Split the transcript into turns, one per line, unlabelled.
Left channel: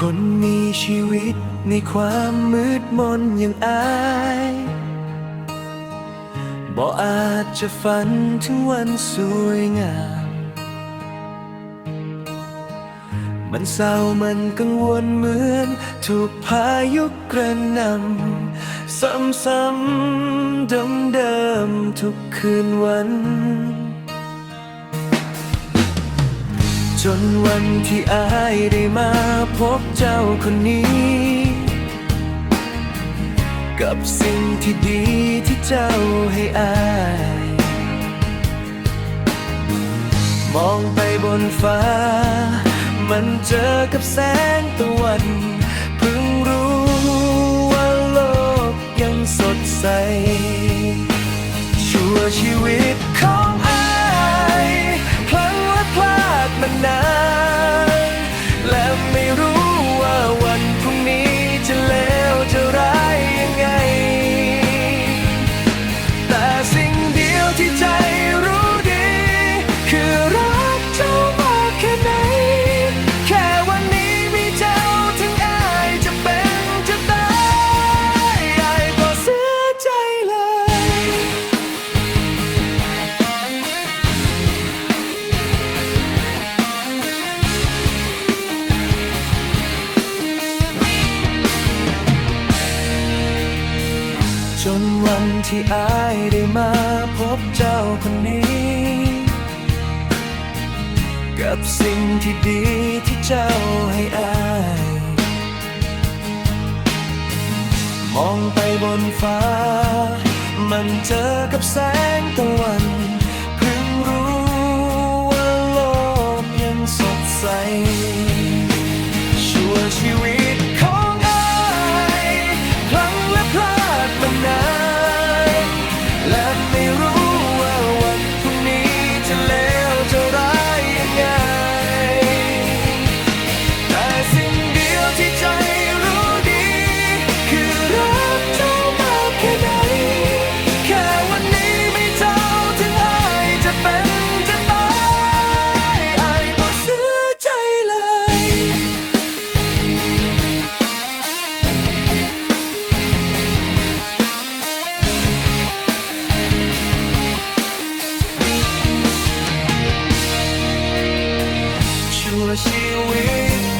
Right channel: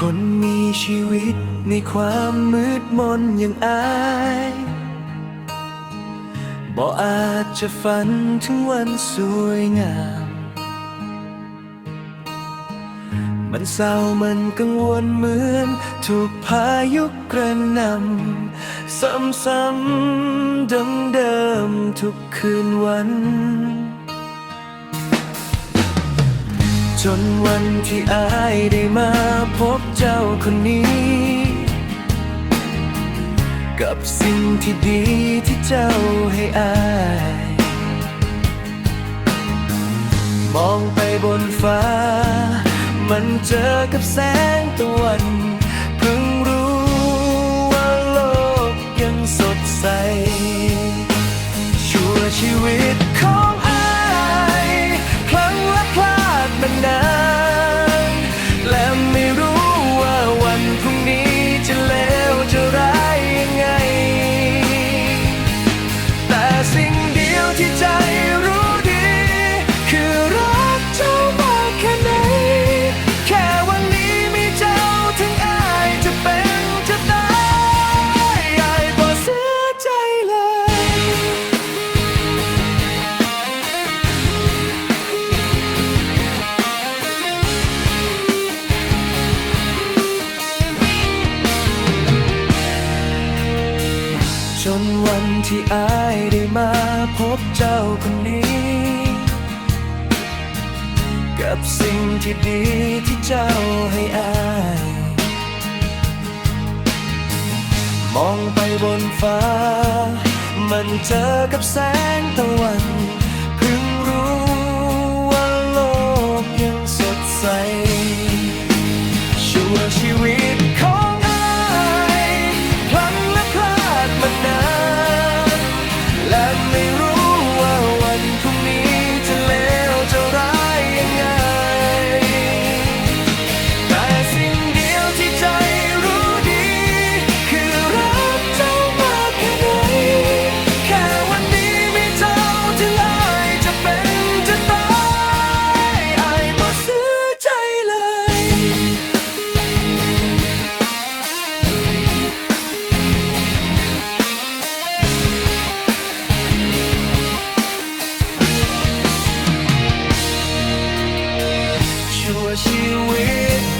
คนมีชีวิตในความมืดมนอย่างอายบ่อาจจะฝันถึงวันสวยงาม มันเศร้ามันกังวลเหมือน ถูกพายุกระหนำซ้ำๆเดิมๆทุกคืนวัน นวันที่อายได้มาพบเจ้าคนนี้ กับสิ่งที่ดีที่เจ้าให้อาย มองไปบนฟ้า มันเจอกับแสงตะวัน จนวันที่อายได้มาพบเจ้าคนนี้ กับสิ่งที่ดีที่เจ้าให้อาย มองไปบนฟ้า มันเจอกับแสงตะวัน เพิ่งรู้ว่าโลกยังสดใส ชั่วชีวิ ชั่วชีวิต